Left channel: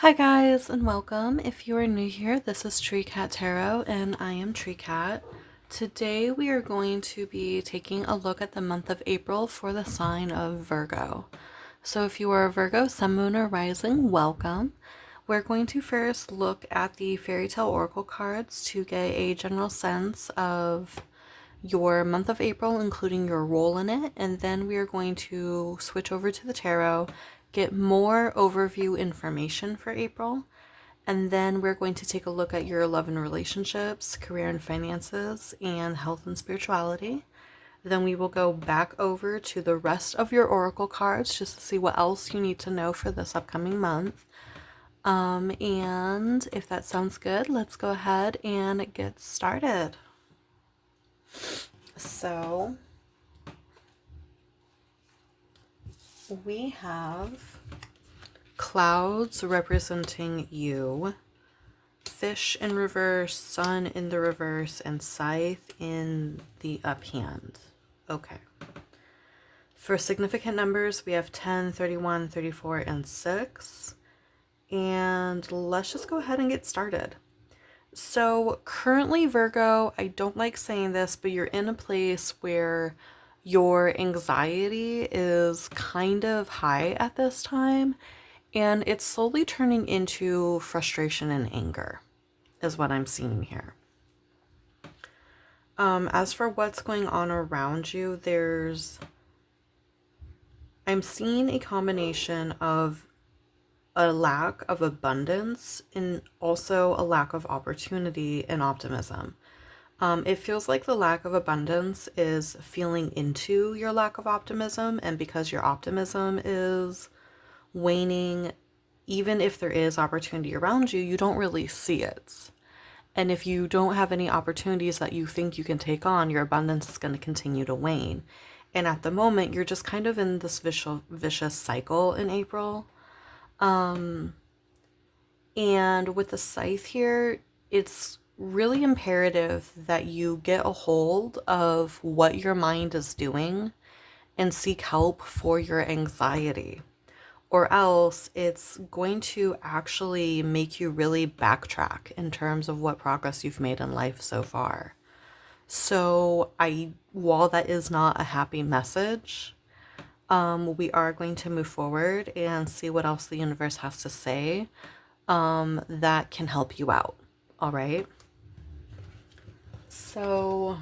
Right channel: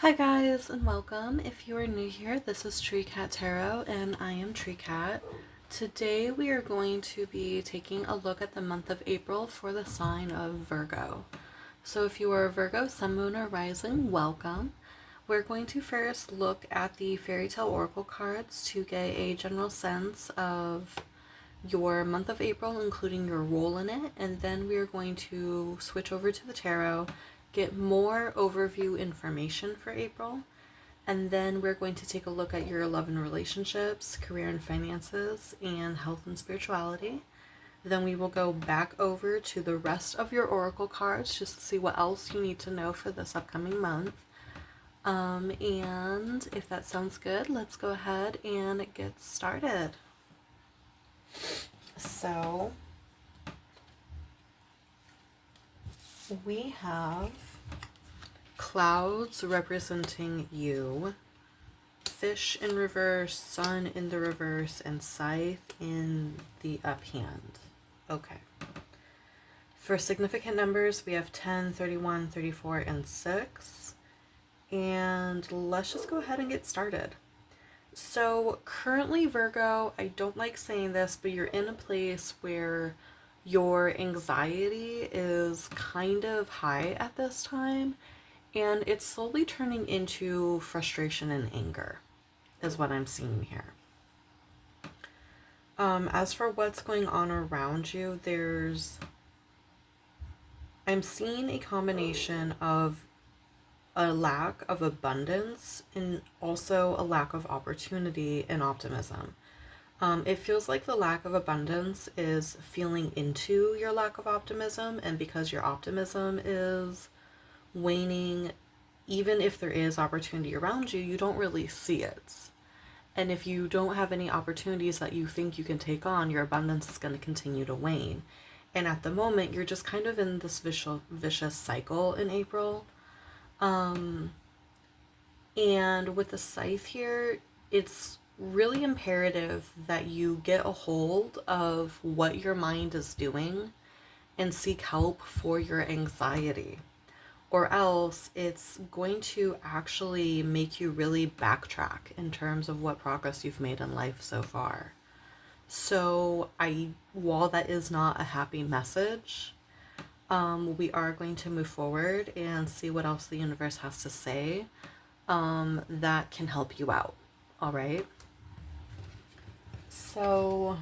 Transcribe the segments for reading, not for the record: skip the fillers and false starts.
Hi guys and welcome. If you are new here, this is Tree Cat Tarot and I am Tree Cat. Today we are going to be taking a look at the month of April for the sign of Virgo. So if you are a Virgo, Sun, Moon, or Rising, welcome. We're going to first look at the fairy tale oracle cards to get a general sense of your month of April, including your role in it, and then we are going to switch over to the tarot, get more overview information for April, and then we're going to take a look at your love and relationships, career and finances, and health and spirituality. Then we will go back over to the rest of your oracle cards just to see what else you need to know for this upcoming month. And if that sounds good, let's go ahead and get started. So we have clouds representing you, fish in reverse, sun in the reverse, and scythe in the uphand. Okay. For significant numbers, we have 10, 31, 34, and 6. And let's just go ahead and get started. So currently, Virgo, I don't like saying this, but you're in a place where your anxiety is kind of high at this time, and it's slowly turning into frustration and anger, is what I'm seeing here. As for what's going on around you, I'm seeing a combination of a lack of abundance and also a lack of opportunity and optimism. It feels like the lack of abundance is feeling into your lack of optimism, and because your optimism is waning, even if there is opportunity around you, you don't really see it. And if you don't have any opportunities that you think you can take on, your abundance is going to continue to wane. And at the moment, you're just kind of in this vicious cycle in April. And with the scythe here, it's really imperative that you get a hold of what your mind is doing and seek help for your anxiety, or else it's going to actually make you really backtrack in terms of what progress you've made in life so far. So while that is not a happy message, we are going to move forward and see what else the universe has to say that can help you out. All right. So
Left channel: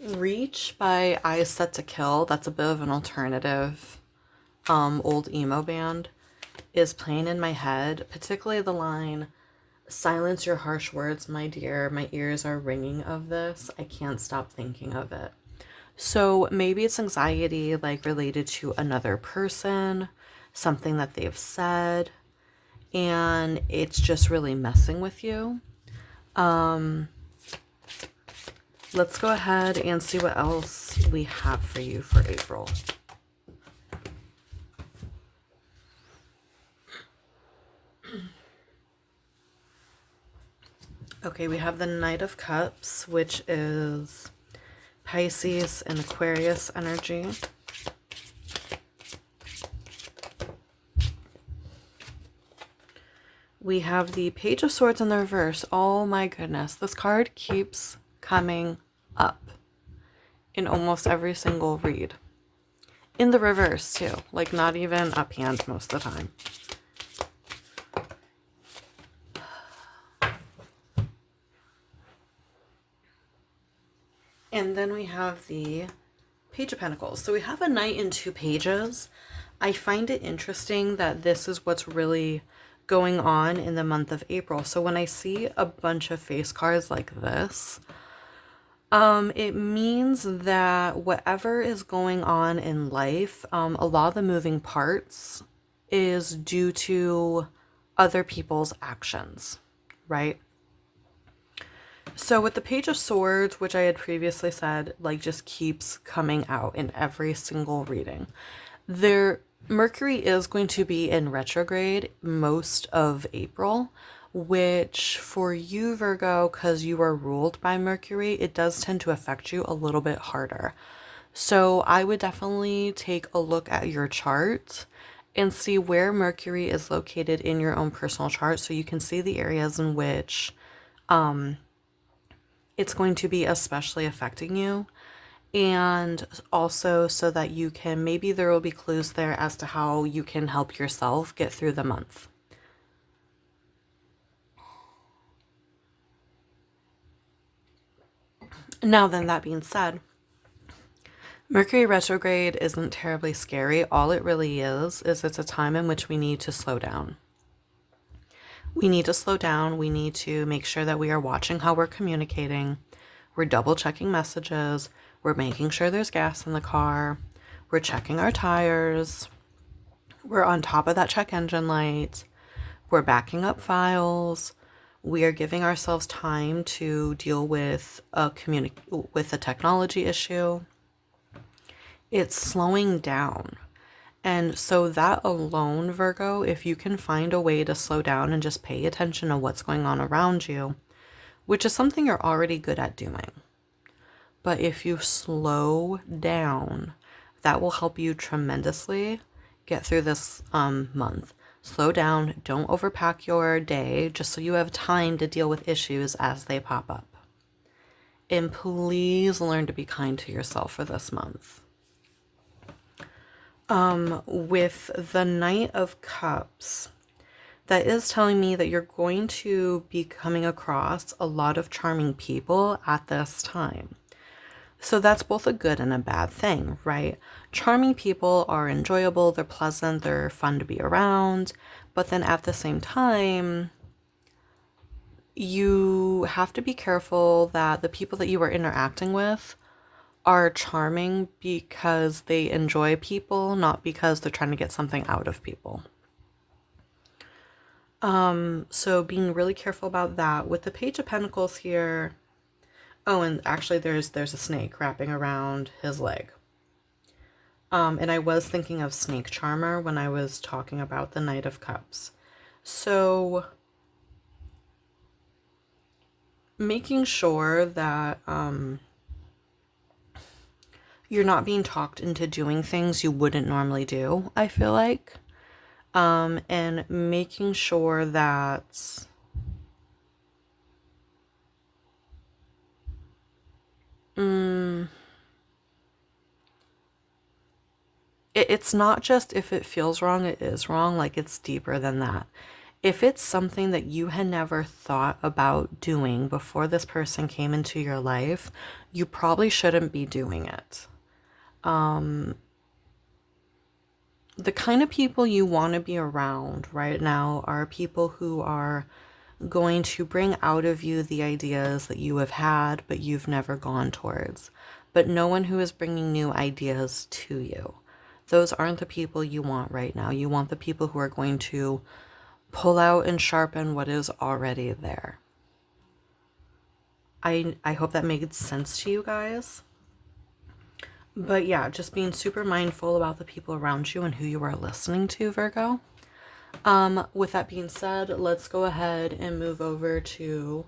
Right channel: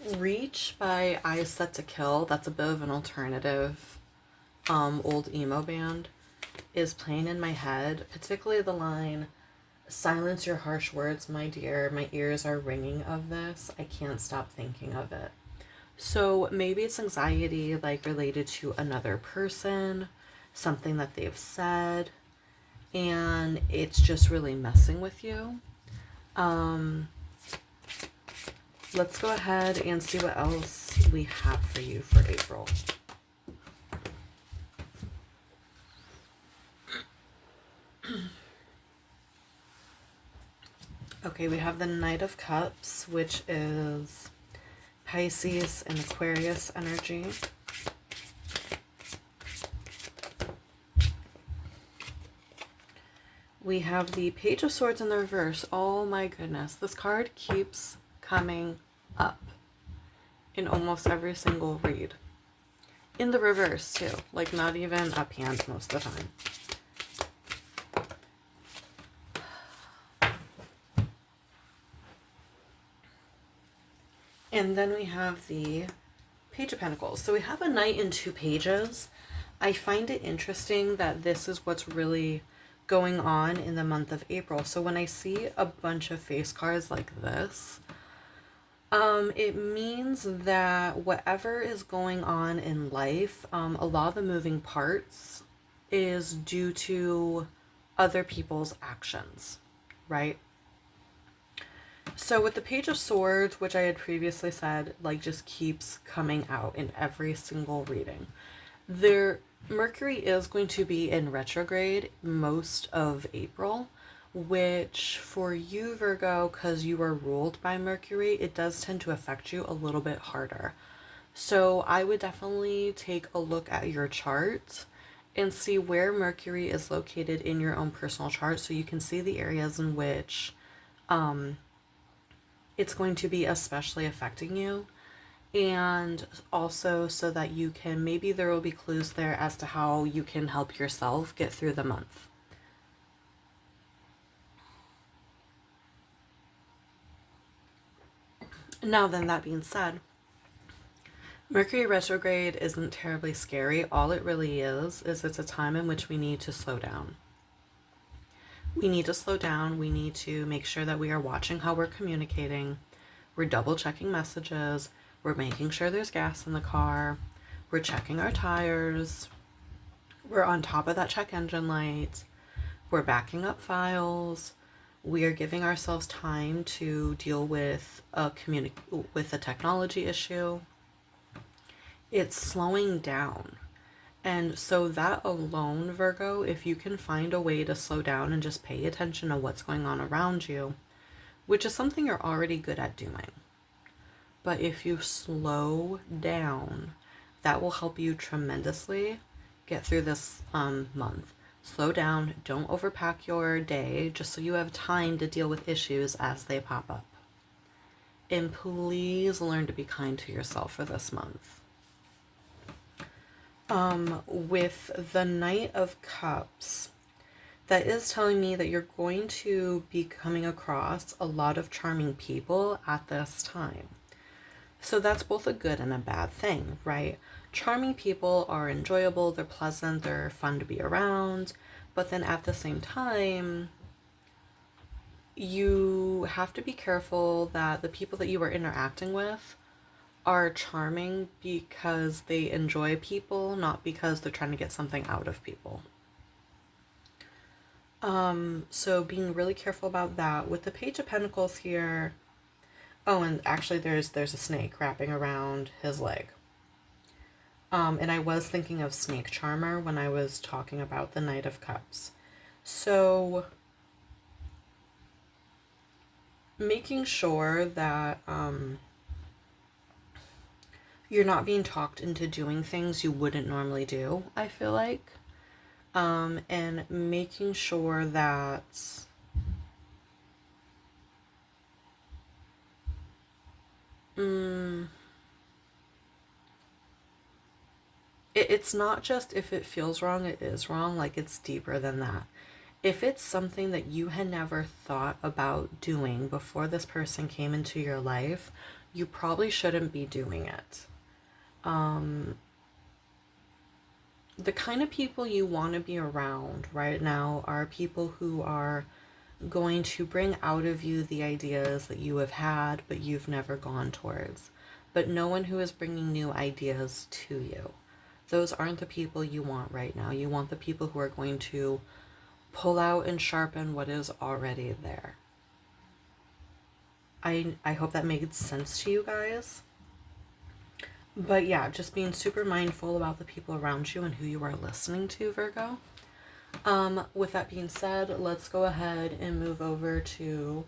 Reach by Eyes Set to Kill, that's a bit of an alternative old emo band, is playing in my head, particularly the line, "Silence your harsh words, my dear, my ears are ringing of this, I can't stop thinking of it." So maybe it's anxiety like related to another person, something that they've said, and it's just really messing with you. Let's go ahead and see what else we have for you for April. Okay, we have the Knight of Cups, which is Pisces and Aquarius energy. We have the Page of Swords in the reverse. Oh my goodness, this card keeps coming up in almost every single read. In the reverse too, like not even uphand most of the time. And then we have the Page of Pentacles. So we have a Knight in 2 pages. I find it interesting that this is what's really going on in the month of April. So when I see a bunch of face cards like this, it means that whatever is going on in life, a lot of the moving parts is due to other people's actions, right? So with the Page of Swords, which I had previously said, like just keeps coming out in every single reading. Mercury is going to be in retrograde most of April, which for you, Virgo, because you are ruled by Mercury, it does tend to affect you a little bit harder. So I would definitely take a look at your chart and see where Mercury is located in your own personal chart so you can see the areas in which it's going to be especially affecting you. And also so that you can, maybe there will be clues there as to how you can help yourself get through the month. Now then, that being said, Mercury retrograde isn't terribly scary. All it really is it's a time in which we need to slow down. We need to slow down. We need to make sure that we are watching how we're communicating. We're double checking messages. We're making sure there's gas in the car. We're checking our tires. We're on top of that check engine light. We're backing up files. We are giving ourselves time to deal with with a technology issue. It's slowing down. And so that alone, Virgo, if you can find a way to slow down and just pay attention to what's going on around you, which is something you're already good at doing. But if you slow down, that will help you tremendously get through this month. Slow down, don't overpack your day just so you have time to deal with issues as they pop up. And please learn to be kind to yourself for this month. With the Knight of Cups, that is telling me that you're going to be coming across a lot of charming people at this time. So that's both a good and a bad thing, right? Charming people are enjoyable, they're pleasant, they're fun to be around, but then at the same time, you have to be careful that the people that you are interacting with are charming because they enjoy people, not because they're trying to get something out of people. So being really careful about that. With the Page of Pentacles here, oh, and actually there's a snake wrapping around his leg. And I was thinking of Snake Charmer when I was talking about the Knight of Cups. So making sure that you're not being talked into doing things you wouldn't normally do, I feel like. And making sure that it's not just if it feels wrong, it is wrong. Like, it's deeper than that. If it's something that you had never thought about doing before this person came into your life, you probably shouldn't be doing it. The kind of people you want to be around right now are people who are going to bring out of you the ideas that you have had but you've never gone towards, but no one who is bringing new ideas to you. Those aren't the people you want right now. You want the people who are going to pull out and sharpen what is already there. I hope that made sense to you guys. But yeah, just being super mindful about the people around you and who you are listening to, Virgo. With that being said, let's go ahead and move over to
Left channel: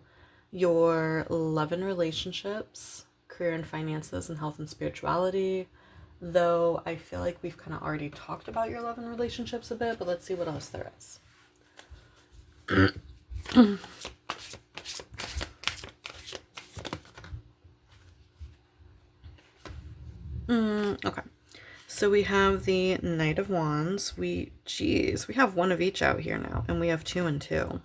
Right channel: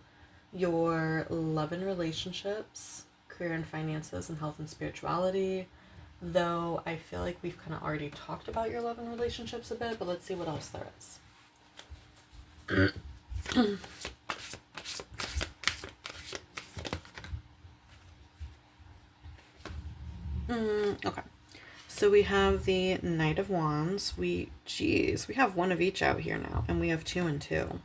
your love and relationships, career and finances, and health and spirituality. Though I feel like we've kind of already talked about your love and relationships a bit, but let's see what else there is. Okay. So we have the Knight of Wands. We have one of each out here now, and we have 2 and 2.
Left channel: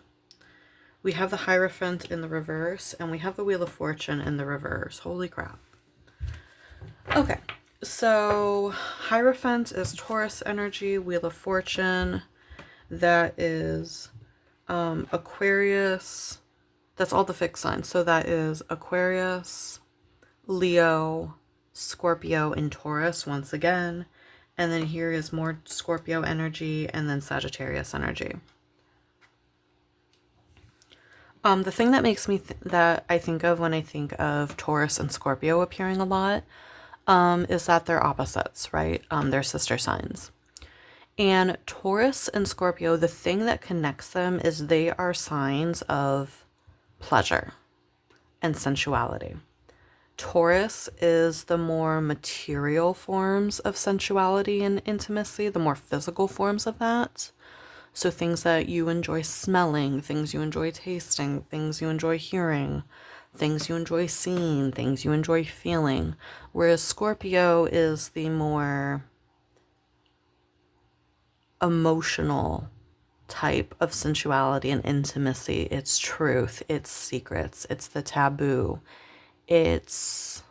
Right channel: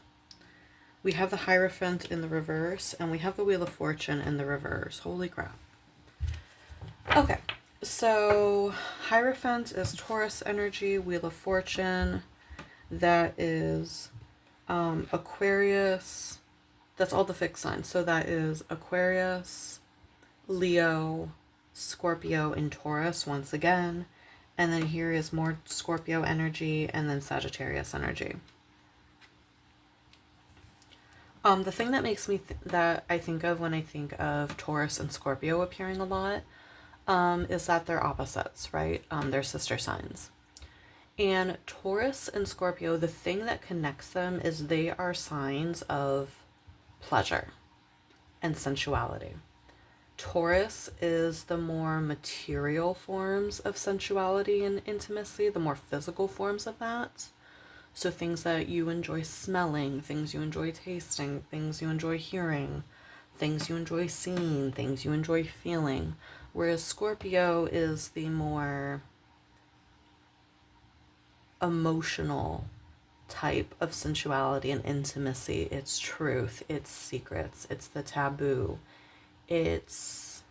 We have the Hierophant in the reverse, and we have the Wheel of Fortune in the reverse. Holy crap. Okay, so Hierophant is Taurus energy, Wheel of Fortune, that is Aquarius. That's all the fixed signs. So that is Aquarius, Leo, Scorpio, and Taurus once again. And then here is more Scorpio energy and then Sagittarius energy. The thing that makes me that I think of when I think of Taurus and Scorpio appearing a lot is that they're opposites, right? They're sister signs. And Taurus and Scorpio, the thing that connects them is they are signs of pleasure and sensuality. Taurus is the more material forms of sensuality and intimacy, the more physical forms of that. So things that you enjoy smelling, things you enjoy tasting, things you enjoy hearing, things you enjoy seeing, things you enjoy feeling. Whereas Scorpio is the more emotional type of sensuality and intimacy. It's truth, it's secrets, it's the taboo, it's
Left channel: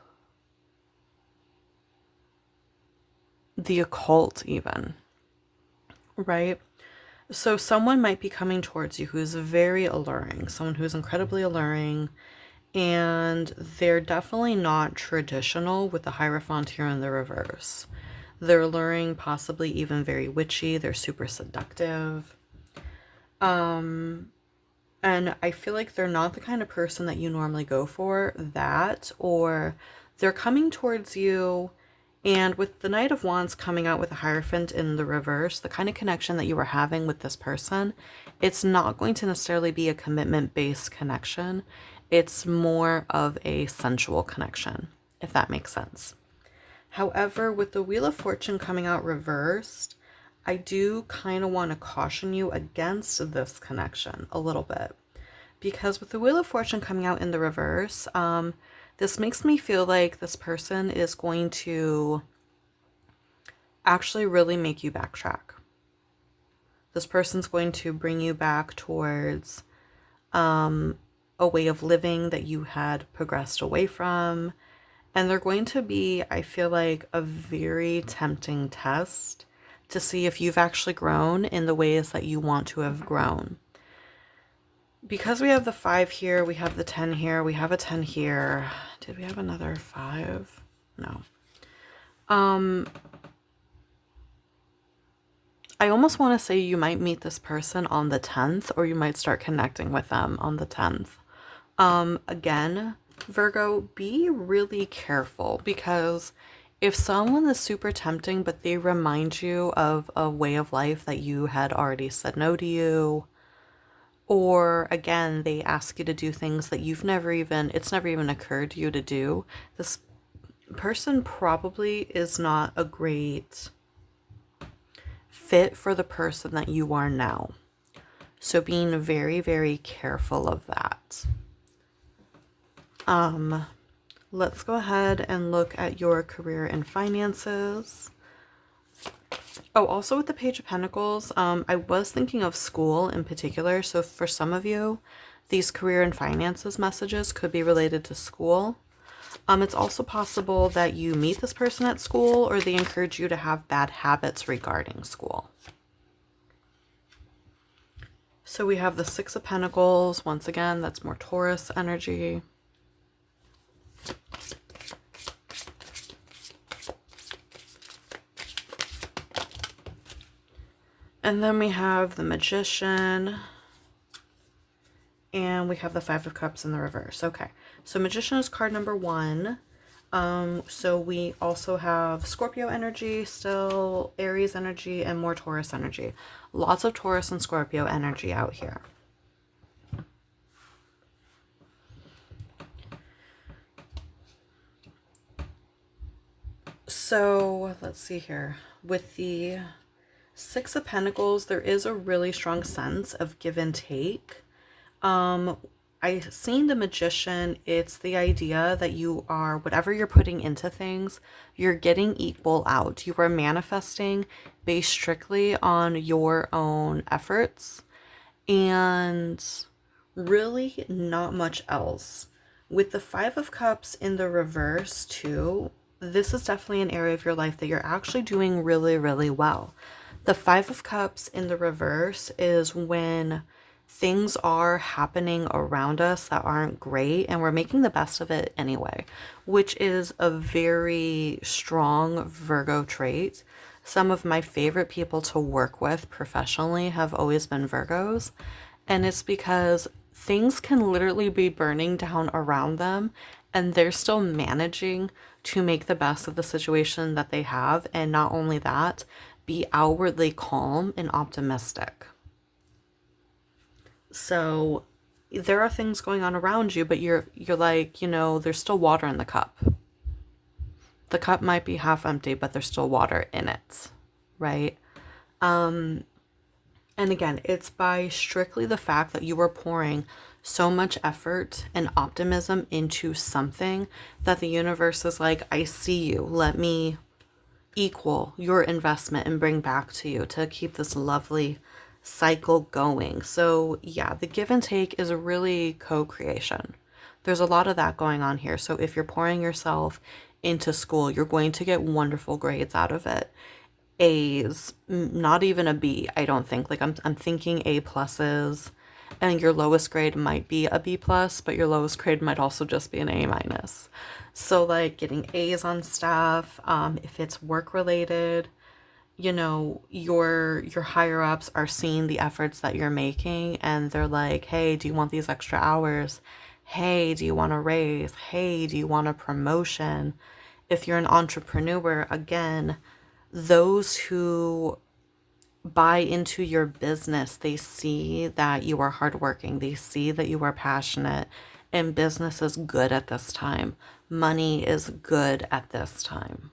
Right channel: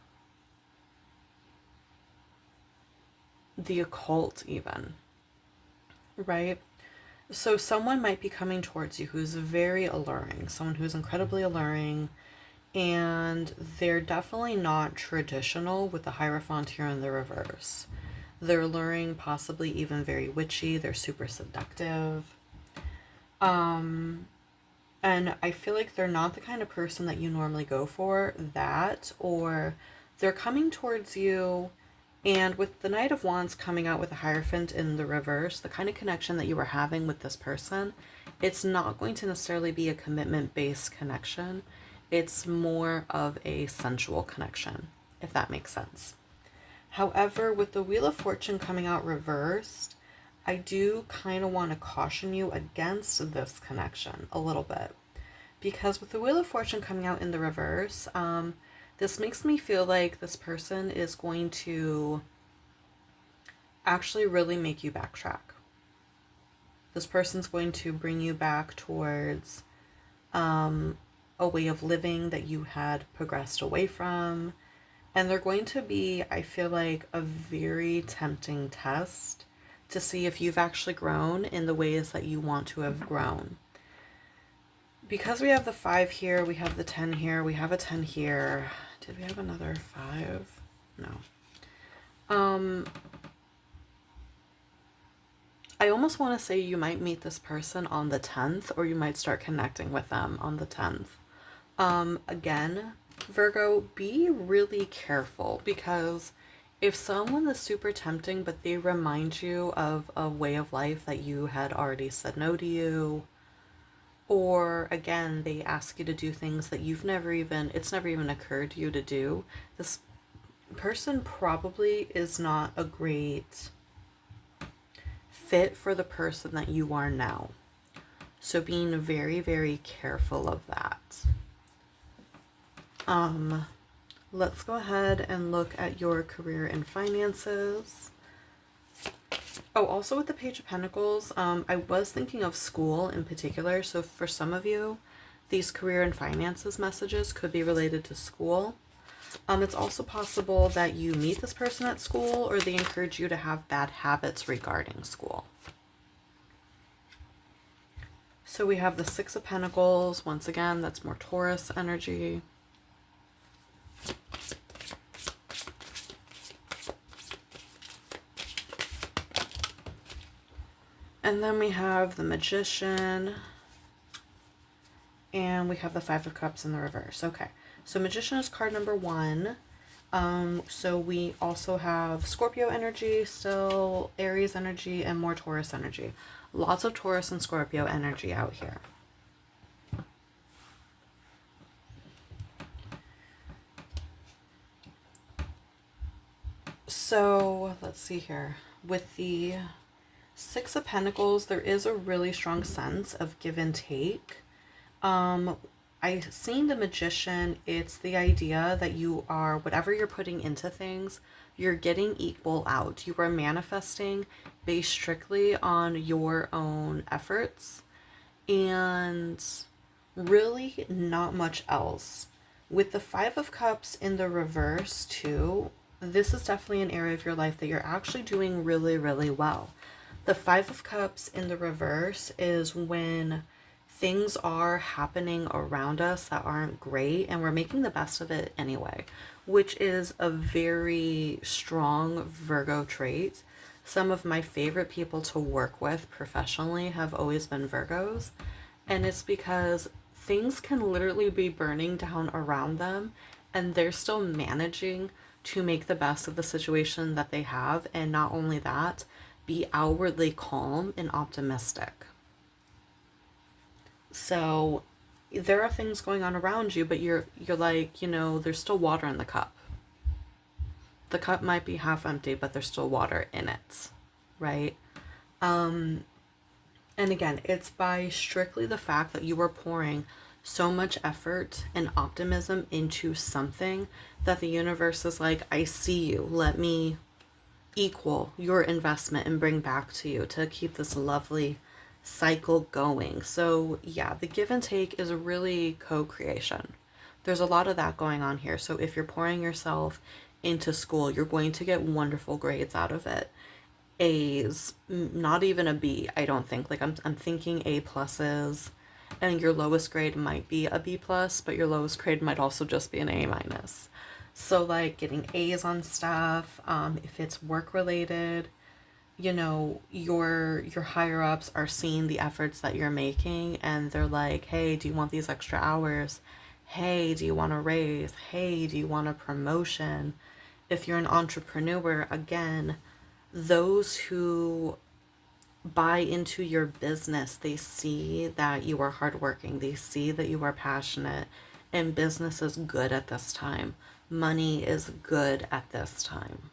the occult, even, right? So, someone might be coming towards you who's very alluring, someone who's incredibly alluring, and they're definitely not traditional with the Hierophant here in the reverse. They're alluring, possibly even very witchy, they're super seductive. And I feel like they're not the kind of person that you normally go for, that, or they're coming towards you, and with the Knight of Wands coming out with the Hierophant in the reverse, the kind of connection that you were having with this person, it's not going to necessarily be a commitment-based connection. It's more of a sensual connection, if that makes sense. However, with the Wheel of Fortune coming out reversed, I do kind of want to caution you against this connection a little bit. Because with the Wheel of Fortune coming out in the reverse, this makes me feel like this person is going to actually really make you backtrack. This person's going to bring you back towards a way of living that you had progressed away from. And they're going to be, I feel like, a very tempting test to see if you've actually grown in the ways that you want to have grown. Because we have the 5 here, we have the 10 here, we have a 10 here. Did we have another 5? No. I almost want to say you might meet this person on the 10th, or you might start connecting with them on the 10th. Again, Virgo, be really careful, because if someone is super tempting, but they remind you of a way of life that you had already said no to you, or again, they ask you to do things that it's never even occurred to you to do, this person probably is not a great fit for the person that you are now. So being very, very careful of that. Let's go ahead and look at your career and finances. Oh, also with the Page of Pentacles, I was thinking of school in particular. So for some of you, these career and finances messages could be related to school. It's also possible that you meet this person at school, or they encourage you to have bad habits regarding school. So we have the 6 of Pentacles. Once again, that's more Taurus energy. And then we have the Magician. And we have the 5 of Cups in the reverse. Okay, so Magician is card number 1. So we also have Scorpio energy, still Aries energy, and more Taurus energy. Lots of Taurus and Scorpio energy out here. So let's see here. With the 6 of Pentacles, there is a really strong sense of give and take. I seen the Magician, it's the idea that you are, whatever you're putting into things, you're getting equal out. You are manifesting based strictly on your own efforts and really not much else. With the 5 of Cups in the reverse too, this is definitely an area of your life that you're actually doing really, really well. The 5 of Cups in the reverse is when things are happening around us that aren't great, and we're making the best of it anyway, which is a very strong Virgo trait. Some of my favorite people to work with professionally have always been Virgos, and it's because things can literally be burning down around them, and they're still managing to make the best of the situation that they have, and not only that, be outwardly calm and optimistic. So there are things going on around you, but you're like, there's still water in the cup. The cup might be half empty, but there's still water in it, right? And again, it's by strictly the fact that you are pouring so much effort and optimism into something that the universe is like, I see you. Let me equal your investment and bring back to you to keep this lovely cycle going. So yeah, the give and take is really co-creation. There's a lot of that going on here. So if you're pouring yourself into school, you're going to get wonderful grades out of it. A's, not even a B, I don't think. Like I'm thinking A pluses, and your lowest grade might be a B plus, but your lowest grade might also just be an A minus. So like getting A's on stuff, if it's work related, your higher ups are seeing the efforts that you're making, and they're like, hey, do you want these extra hours? Hey, do you want a raise? Hey, do you want a promotion? If you're an entrepreneur, again, those who buy into your business, they see that you are hardworking, they see that you are passionate, and business is good at this time. Money is good at this time.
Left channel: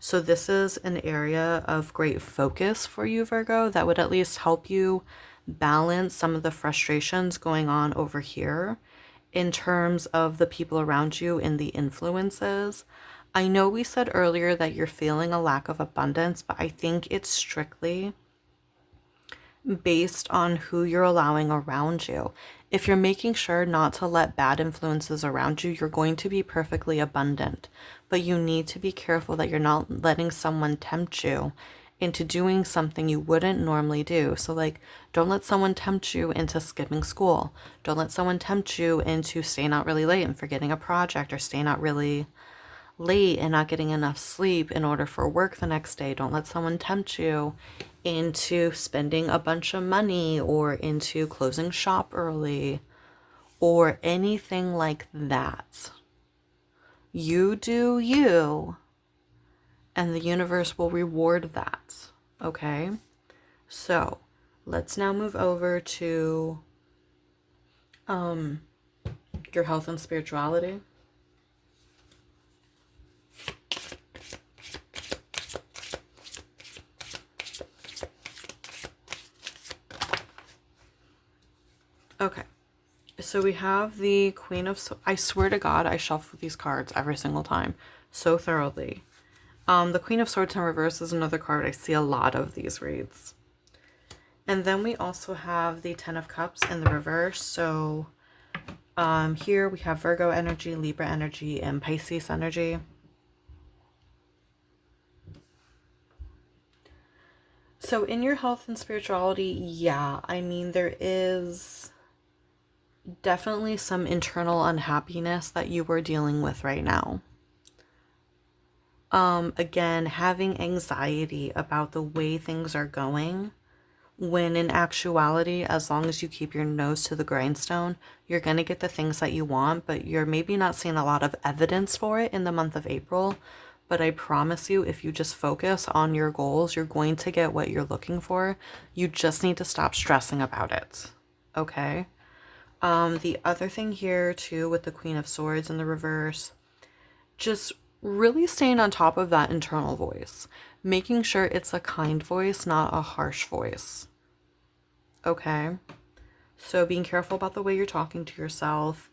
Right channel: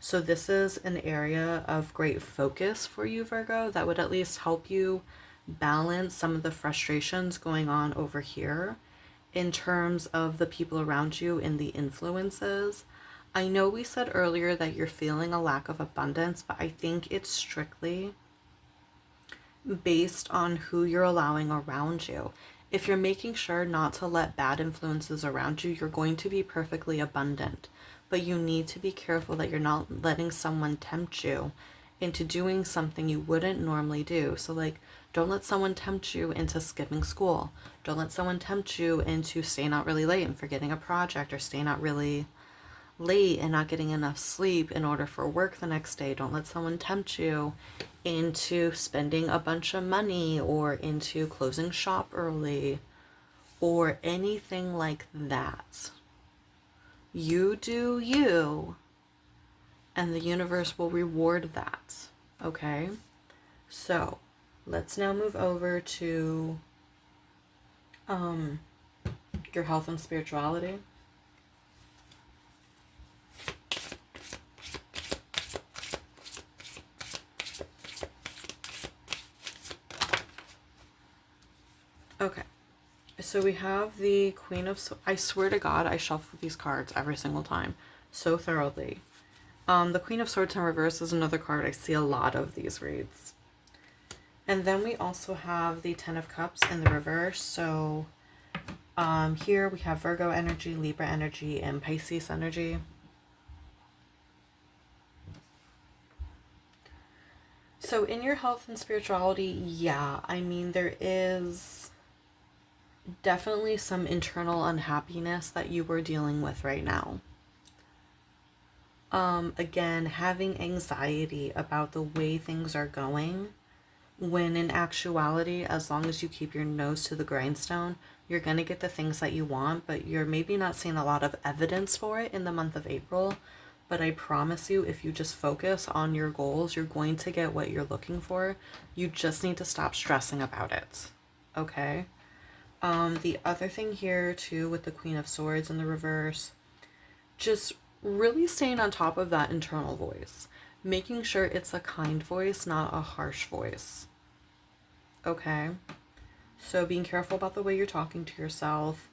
So this is an area of great focus for you, Virgo, that would at least help you balance some of the frustrations going on over here in terms of the people around you and the influences. I know we said earlier that you're feeling a lack of abundance, but I think it's strictly based on who you're allowing around you. If you're making sure not to let bad influences around you, you're going to be perfectly abundant. But you need to be careful that you're not letting someone tempt you into doing something you wouldn't normally do. So like, don't let someone tempt you into skipping school. Don't let someone tempt you into staying out really late and forgetting a project, or staying out really late and not getting enough sleep in order for work the next day. Don't let someone tempt you into spending a bunch of money, or into closing shop early, or anything like that. You do you, and the universe will reward that. Okay? So, let's now move over to your health and spirituality. Okay, so we have the Queen of I swear to God, I shuffle these cards every single time so thoroughly. The Queen of Swords in reverse is another card. I see a lot of these reads. And then we also have the Ten of Cups in the reverse. So here we have Virgo energy, Libra energy, and Pisces energy. So in your health and spirituality, yeah, I mean, there is definitely some internal unhappiness that you are dealing with right now. Again, having anxiety about the way things are going, when in actuality, as long as you keep your nose to the grindstone, you're going to get the things that you want, but you're maybe not seeing a lot of evidence for it in the month of April. But I promise you, if you just focus on your goals, you're going to get what you're looking for. You just need to stop stressing about it. Okay? The other thing here too with the Queen of Swords in the reverse, just really staying on top of that internal voice, making sure it's a kind voice, not a harsh voice. Okay? So being careful about the way you're talking to yourself,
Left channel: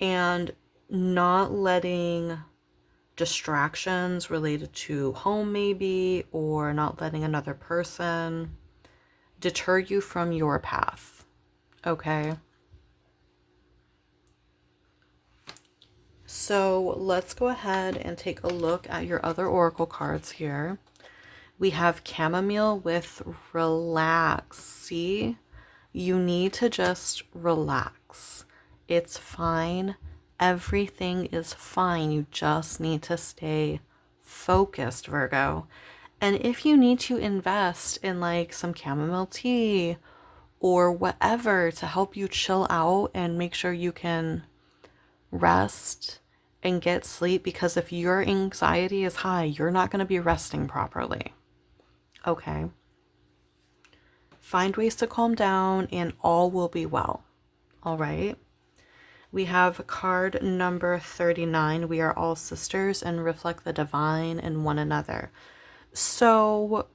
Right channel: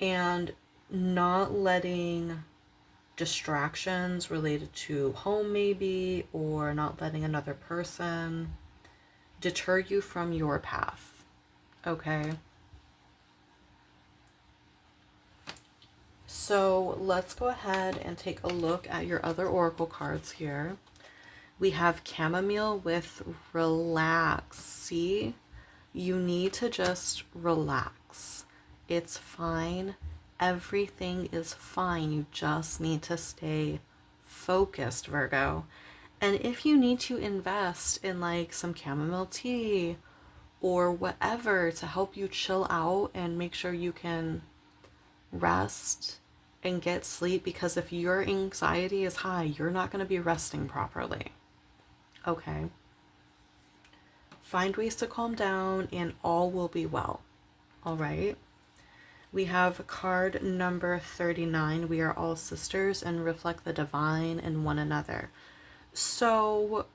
and not letting distractions related to home maybe, or not letting another person deter you from your path. Okay? So let's go ahead and take a look at your other oracle cards here. We have chamomile with relax. See, you need to just relax. It's fine. Everything is fine. You just need to stay focused, Virgo. And if you need to invest in like some chamomile tea or whatever to help you chill out and make sure you can rest and get sleep, because if your anxiety is high, you're not going to be resting properly. Okay? Find ways to calm down and all will be well. All right. We have card number 39. We are all sisters and reflect the divine in one another. So,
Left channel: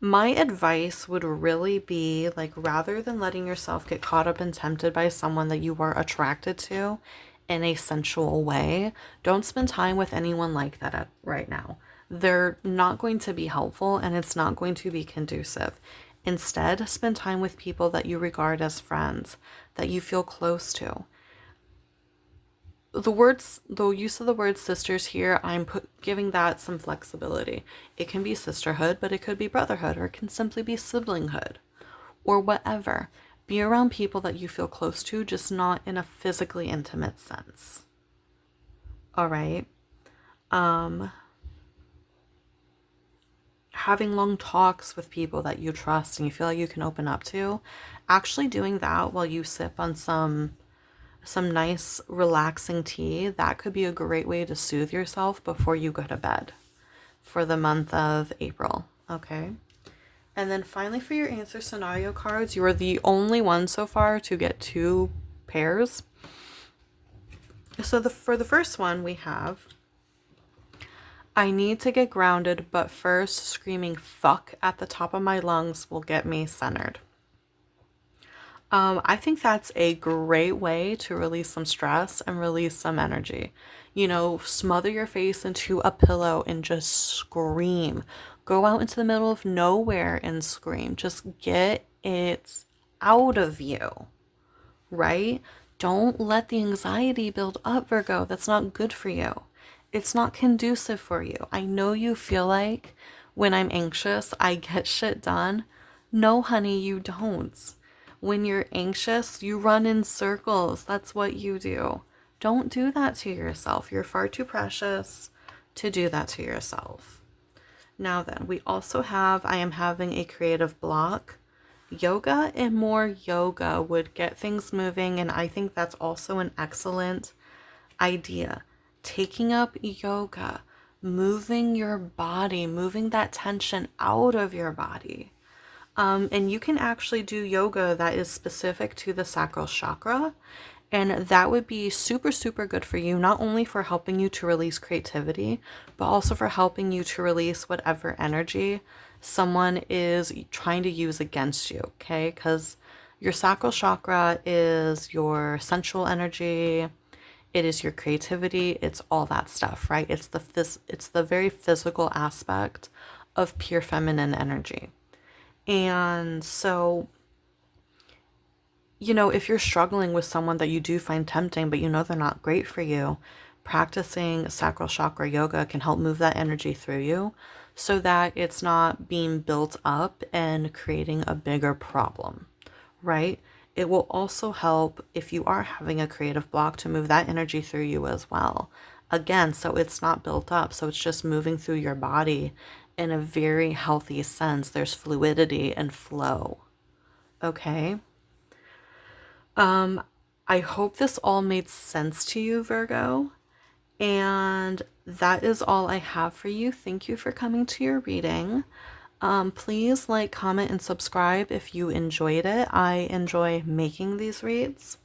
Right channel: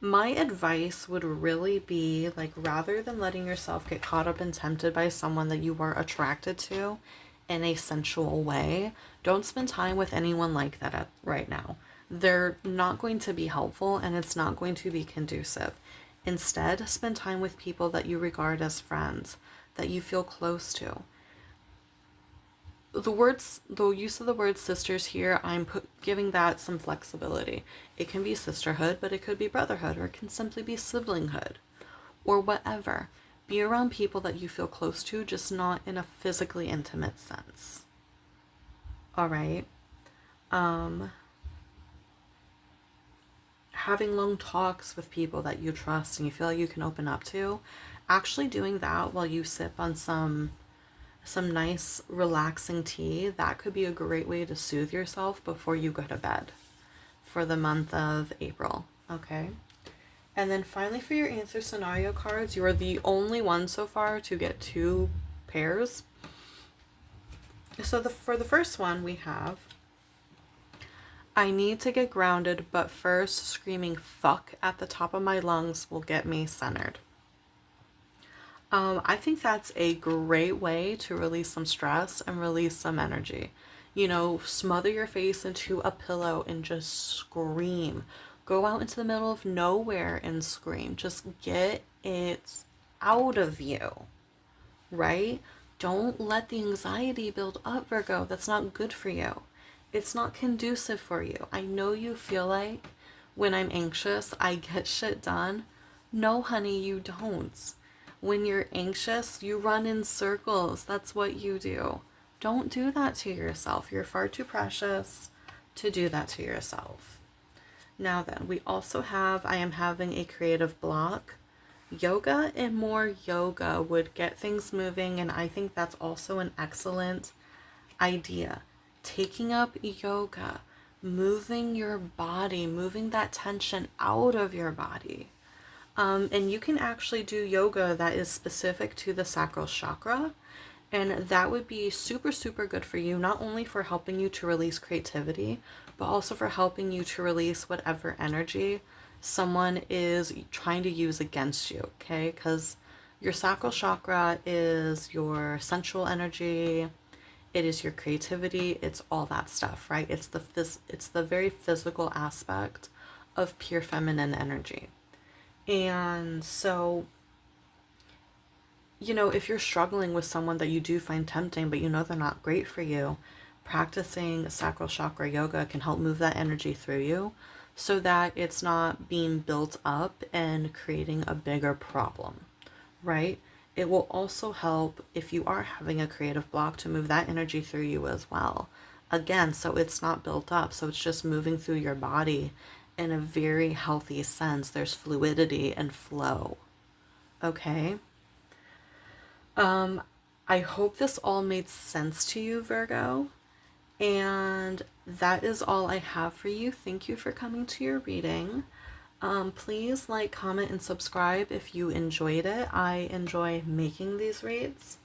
my advice would really be like, rather than letting yourself get caught up and tempted by someone that you are attracted to in a sensual way, don't spend time with anyone like that right now. They're not going to be helpful and it's not going to be conducive. Instead, spend time with people that you regard as friends, that you feel close to. The use of the word sisters here, giving that some flexibility. It can be sisterhood, but it could be brotherhood, or it can simply be siblinghood, or whatever. Be around people that you feel close to, just not in a physically intimate sense. All right. Having long talks with people that you trust and you feel like you can open up to, actually doing that while you sip on some nice relaxing tea, that could be a great way to soothe yourself before you go to bed for the month of April. Okay. And then finally, for your answer scenario cards, you are the only one so far to get 2 pairs. So for the first one, we have, I need to get grounded, but first screaming fuck at the top of my lungs will get me centered. I think that's a great way to release some stress and release some energy. Smother your face into a pillow and just scream. Go out into the middle of nowhere and scream. Just get it out of you, right? Don't let the anxiety build up, Virgo. That's not good for you. It's not conducive for you. I know you feel like when I'm anxious, I get shit done. No, honey, you don't. When you're anxious, you run in circles. That's what you do. Don't do that to yourself. You're far too precious to do that to yourself. Now then, we also have, I am having a creative block. Yoga and more yoga would get things moving, and I think that's also an excellent idea. Taking up yoga, moving your body, moving that tension out of your body. And you can actually do yoga that is specific to the sacral chakra. And that would be super, super good for you, not only for helping you to release creativity, but also for helping you to release whatever energy someone is trying to use against you, okay? Because your sacral chakra is your sensual energy, it is your creativity, it's all that stuff, right? It's the very physical aspect of pure feminine energy. And so, if you're struggling with someone that you do find tempting, but they're not great for you, practicing sacral chakra yoga can help move that energy through you so that it's not being built up and creating a bigger problem, right? It will also help if you are having a creative block to move that energy through you as well. Again, so it's not built up, so it's just moving through your body in a very healthy sense. There's fluidity and flow. Okay? I hope this all made sense to you, Virgo. And that is all I have for you. Thank you for coming to your reading. Please like, comment, and subscribe if you enjoyed it. I enjoy making these reads.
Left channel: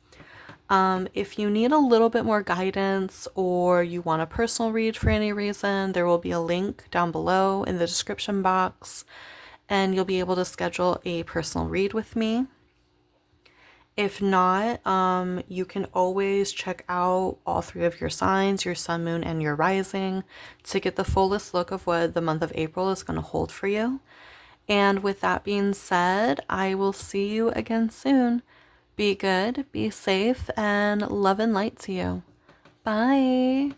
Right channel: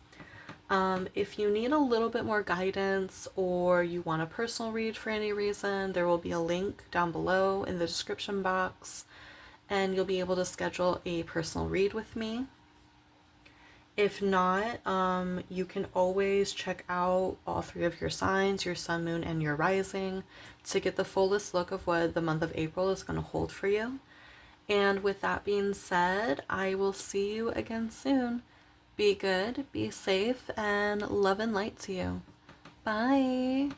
If you need a little bit more guidance or you want a personal read for any reason, there will be a link down below in the description box and you'll be able to schedule a personal read with me. If not, you can always check out all 3 of your signs, your sun, moon, and your rising, to get the fullest look of what the month of April is going to hold for you. And with that being said, I will see you again soon. Be good, be safe, and love and light to you. Bye.